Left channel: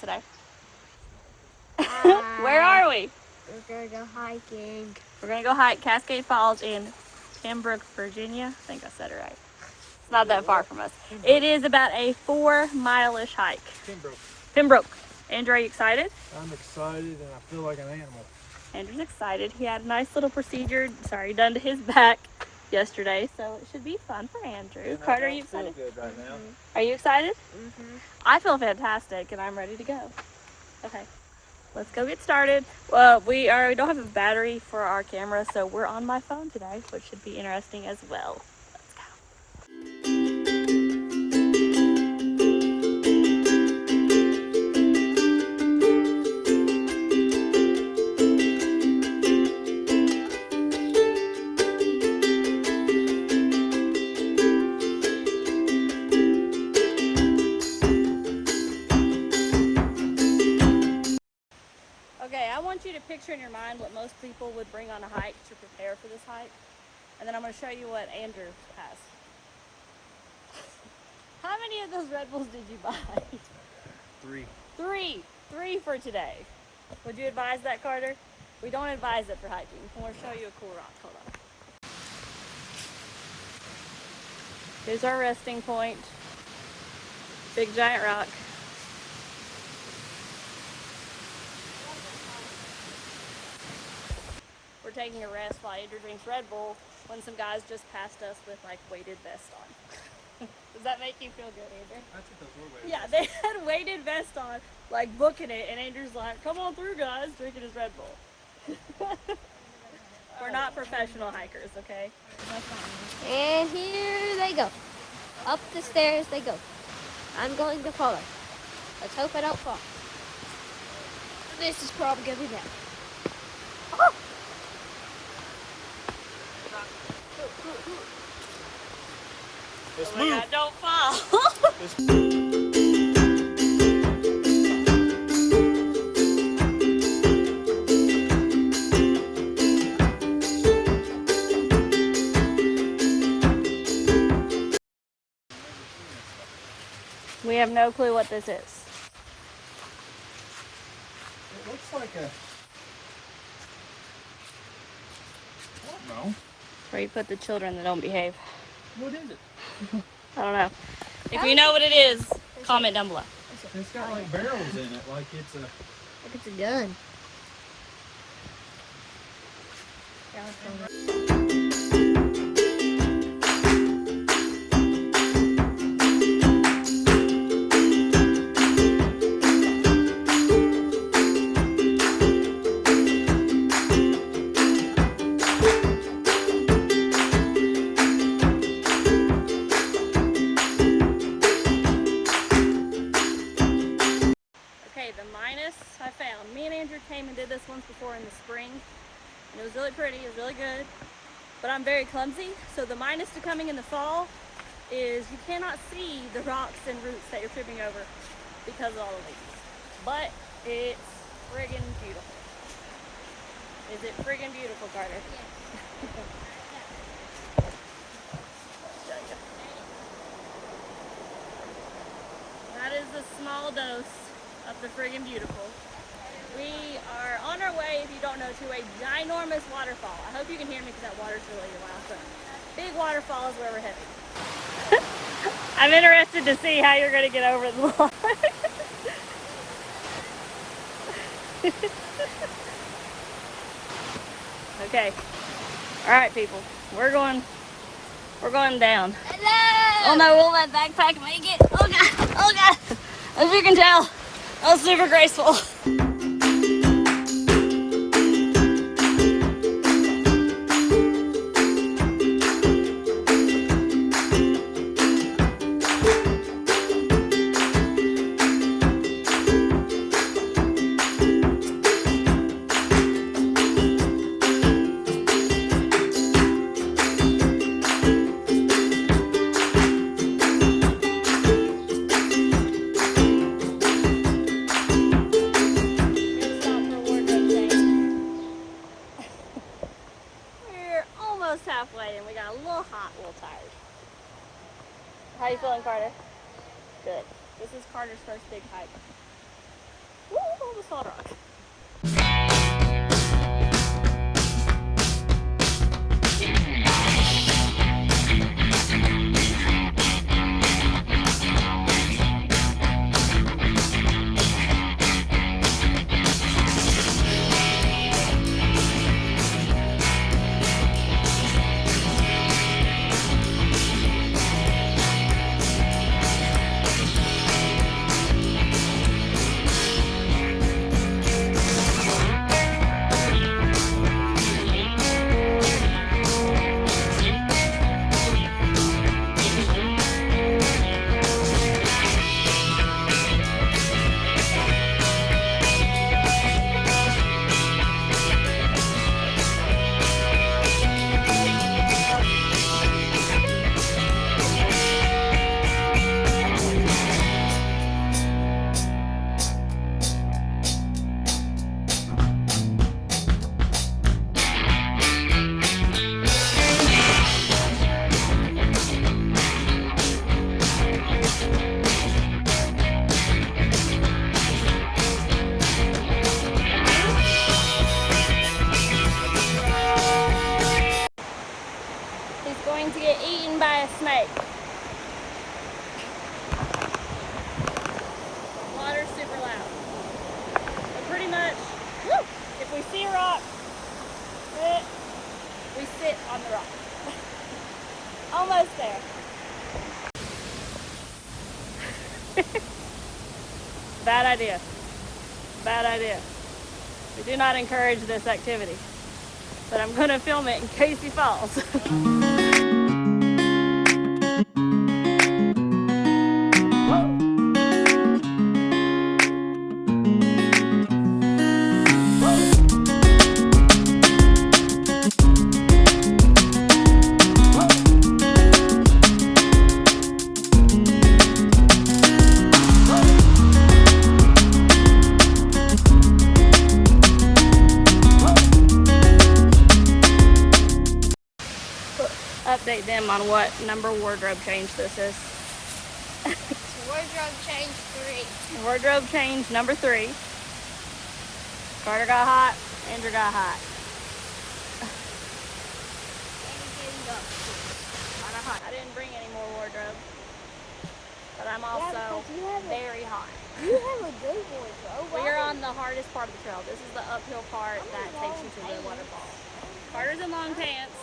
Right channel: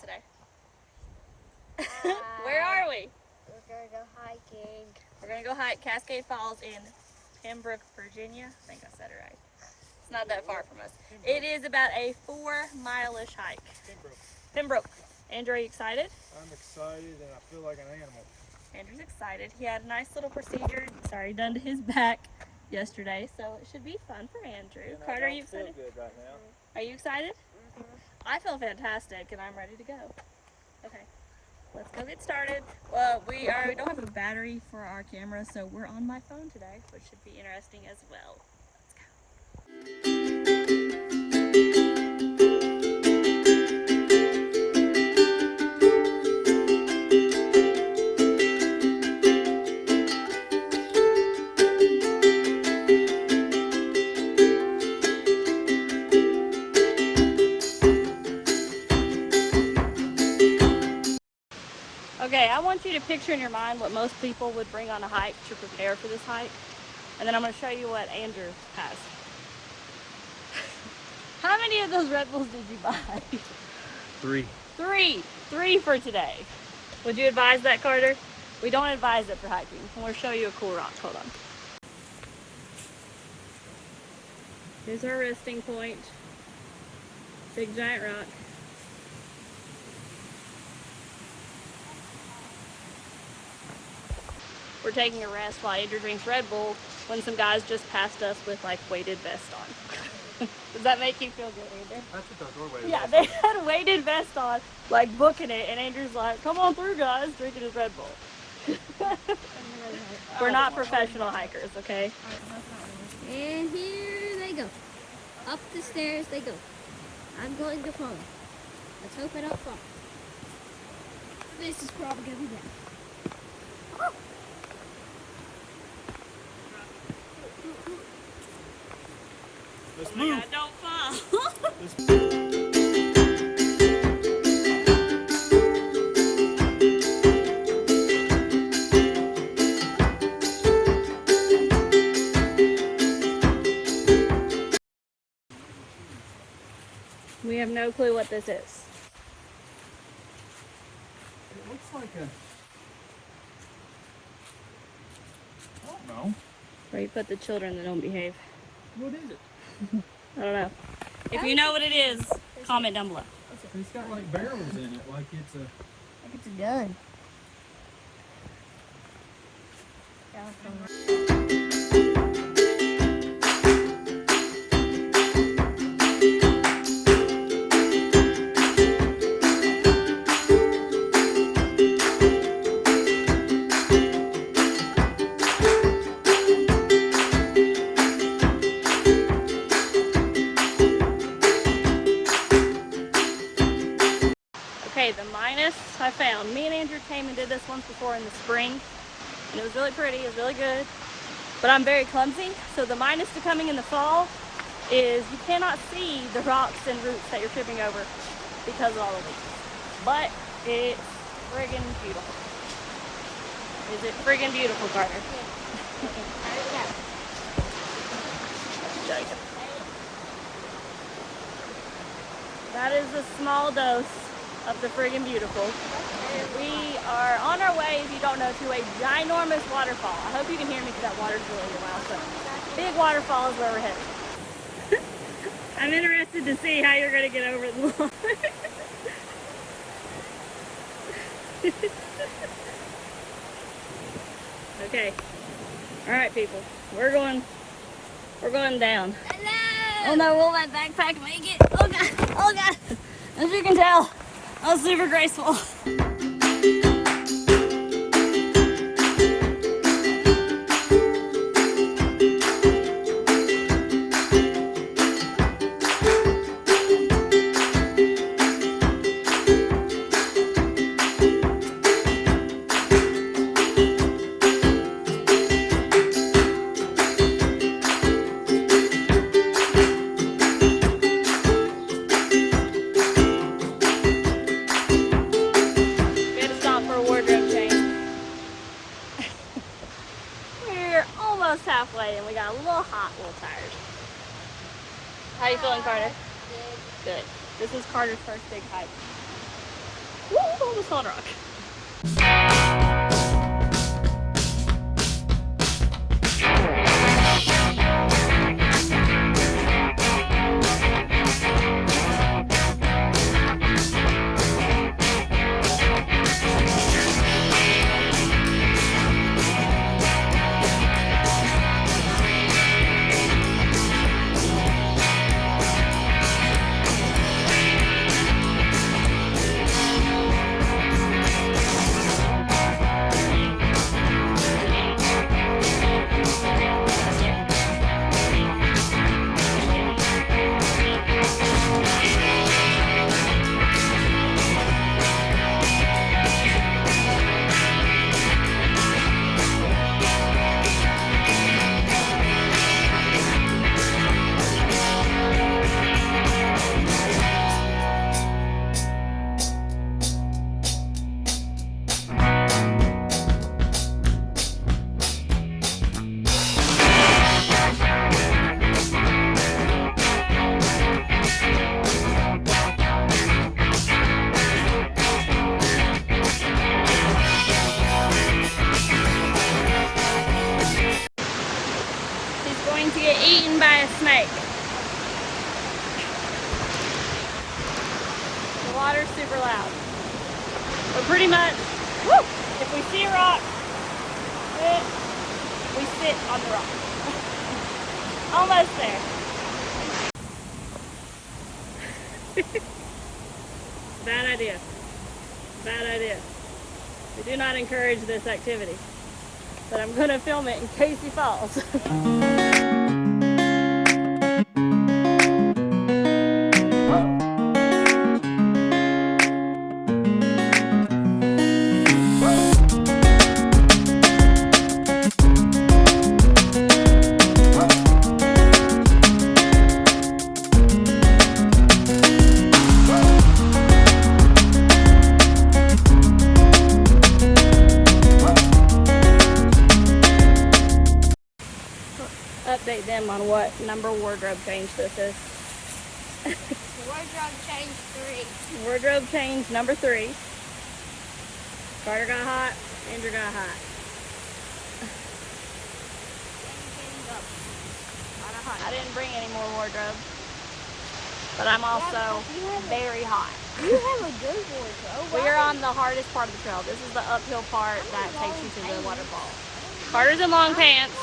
today? Where are we? We're gonna go hiking. We're gonna go hike Cascade Falls in Pembroke, Virginia. I think I said it right. It's not that far from us. Pembroke. It is about a 4-mile-ish hike. Pembroke. Pembroke. Andrew, are you excited? I'm excited and I feel like an animal. Andrew's excited. He had a nice little procedure, done to his back yesterday, so it should be fun for Andrew. Carter, are you excited? Good right now. Are you excited? Mm-hmm. I feel fantastic and I'm ready to go. Okay, let's go get started. We don't have a battery for our camera, so we're on my phone today, which should be interesting as well. Let's go. Okay, I want you to picture in your mind what most people would bring on a hike to prepare for this hike. And then I'm going to show you what Andrew has. How many of those Red Bulls did you buy? 3. Three for today. Would you advise that, Carter? We don't advise it for hiking. I'm going to show you a cool rock. Hold on. Here's our resting point. Big giant rock. We're taking a rest while Andrew drinks Red Bull when some guys just passed us with like weighted vests on. Does that make you feel good, Andrew? That's what those were weighted. Yeah, they had weighted vests on, like booking it, and Andrew's like, come on through guys, drinking his Red Bull. We're not professional hikers, okay? And here they go. Up the stairs they go. I'm going to follow. Let's hope I don't fall. This is probably gonna be bad. Oh. Let's Oh my move. God, don't fall. Let's... We have no clue what this is. It looks like a... I don't know. Where you put the children that don't behave. What is it? I don't know. If you know what it is, comment down below. It's got like barrels in it, like it's a... Like it's a gun. Okay, the minus I found. Me and Andrew came and did this once before in the spring, and it was really pretty, it was really good, but I'm very clumsy, so the minus to coming in the fall is you cannot see the rocks and roots that you're tripping over because of all the leaves. But it's friggin' beautiful. Is it friggin' beautiful, Carter? Let's show you. That is a small dose of the friggin' beautiful. We are on our way, if you don't know, to a ginormous waterfall. I hope you can hear me because that water's really loud, but big waterfall is where we're heading. I'm interested to see how you're going to get over the water. Okay. All right, people. We're going down. Hello! Oh no, won't that backpack make it? Oh God, oh God. As you can tell, I'm super graceful. Halfway and we got a little hot, a little tired. How you feeling, Carter? Good. This is Carter's first big hike. Woo, almost fell on a rock. To get eaten by a snake. The water's super loud. But pretty much, woo, if we see a rock, we sit on the rock. Almost there. Bad idea. Bad idea. I do not encourage this activity. But I'm gonna film it in Cascade Falls. Update them on what number wardrobe change this is. Wardrobe change 3. Wardrobe change number 3. Carter got hot, Andrew got hot. On a hunt. I didn't bring any more wardrobe, but I'm also very hot. You have a good wardrobe. We are on the hardest part of the trail. This is the uphill part that takes you to the waterfall. Carter's in long pants.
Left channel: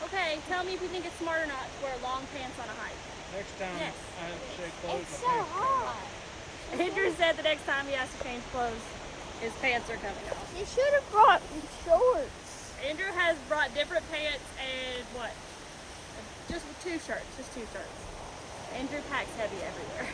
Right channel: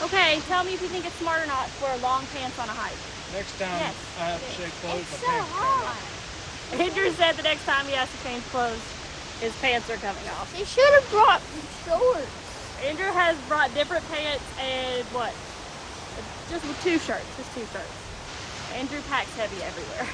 Okay, tell me if you think it's smart or not to wear long pants on a hike. Next time Yes. I have to change clothes, It's my so pants come hot. off. Andrew said the next time he has to change clothes, his pants are coming off. You should have brought shorts. Andrew has brought different pants and what? Just with 2 shirts, just 2 shirts. Andrew packs heavy everywhere.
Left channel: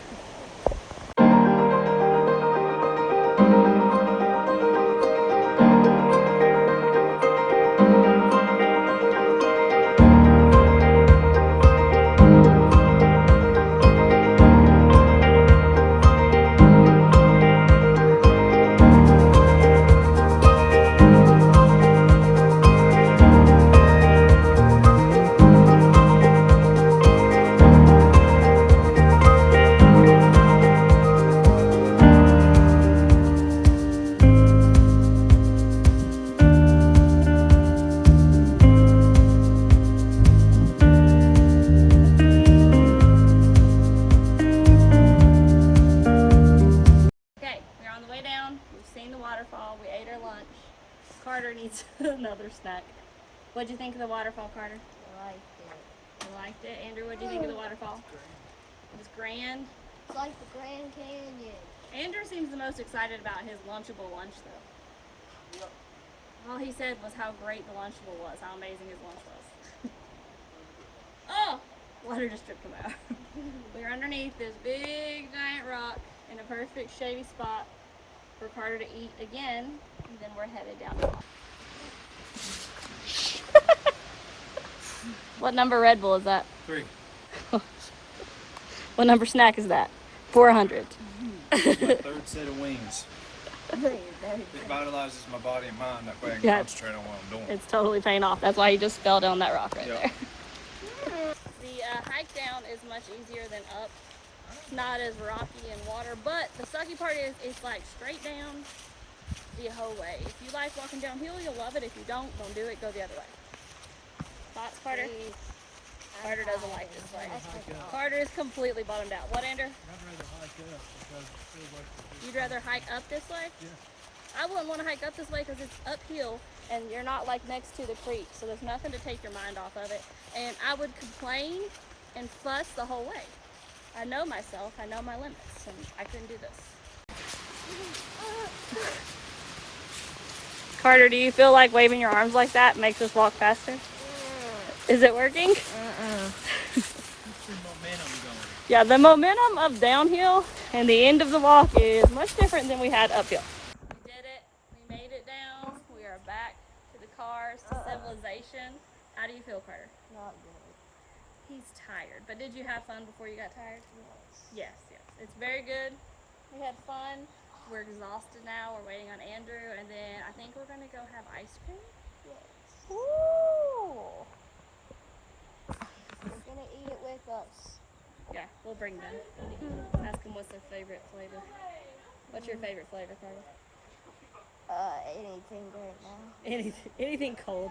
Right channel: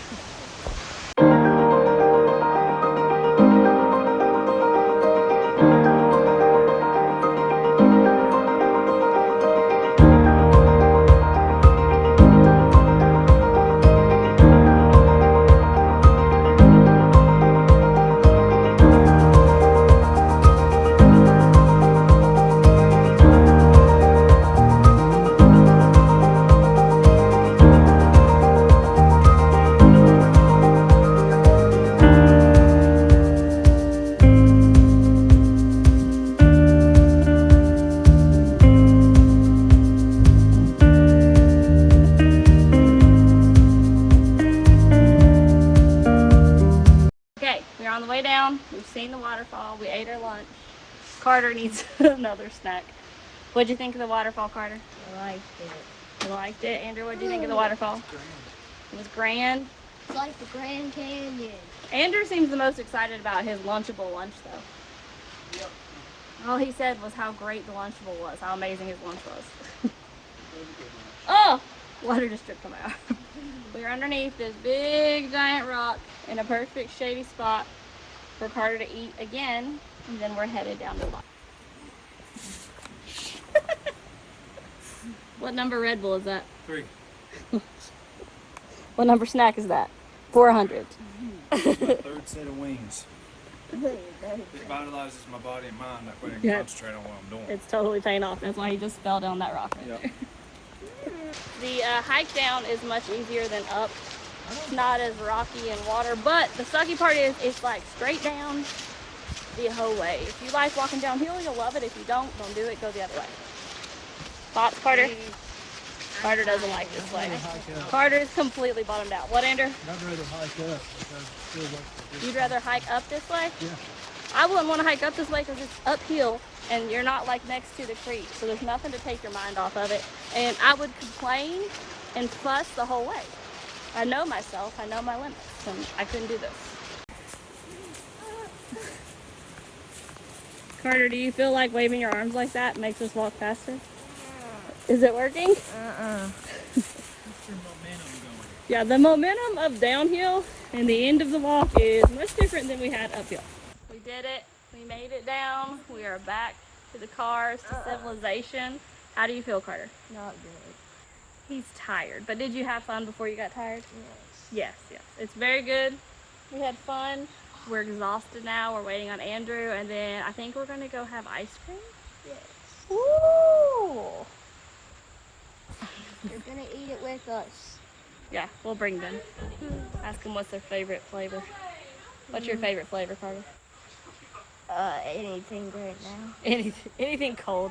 On the way down, we've seen the waterfall, we ate our lunch. Carter needs another snack. What'd you think of the waterfall, Carter? I liked it. You liked it? Andrew, what'd you think of the waterfall? It was grand. It's like the Grand Canyon. Andrew seems the most excited about his Lunchable lunch, though. Yep. All he said was how great the Lunchable was, how amazing his lunch was. Oh! Water just dripped from my arm. We're underneath this big giant rock in a perfect shady spot for Carter to eat again, and then we're headed down the block. What number Red Bull is that? 3. What number snack is that? 400. My 3rd set of wings. It vitalizes my body and mind. That way I can Yeah. concentrate on what I'm doing. It's totally paying off. That's why you just fell down that rock right Yep. there. The hike down is much easier than up. It's not as rocky in water, but the sucky part is it's like straight down the whole way. If you like walking downhill, you'll love it. If you don't do it. Go the other way. Thoughts, Carter? Carter doesn't like this way. Carter is completely bottomed out. What, Andrew? I'd rather hike up because it feels like You'd rather hike up this way? Yeah. I wouldn't want to hike up this way because it's uphill and you're not like next to the creek, so there's nothing to take your mind off of it. And I would complain and fuss the whole way. I know myself, I know my limits, and I couldn't do this. Carter, do you feel like waving your arms like that makes us walk faster? Is it working? What's your momentum going? Yeah, the momentum of downhill and the end of the walk is much different than we had uphill. We did it. We made it down. We are back to the cars, to civilization. How do you feel, Carter? Not good. He's tired. But did you have fun before you got tired? Yes. Yes. It's very good. We had fun. We're exhausted now. We're waiting on Andrew, and then I think we're going to go have ice cream. Yes. Ooh! They're gonna eat it with us. Yeah, we'll bring them. Ask them what's their favorite flavor. What's your favorite flavor, Carter? Anything right now. Anything cold.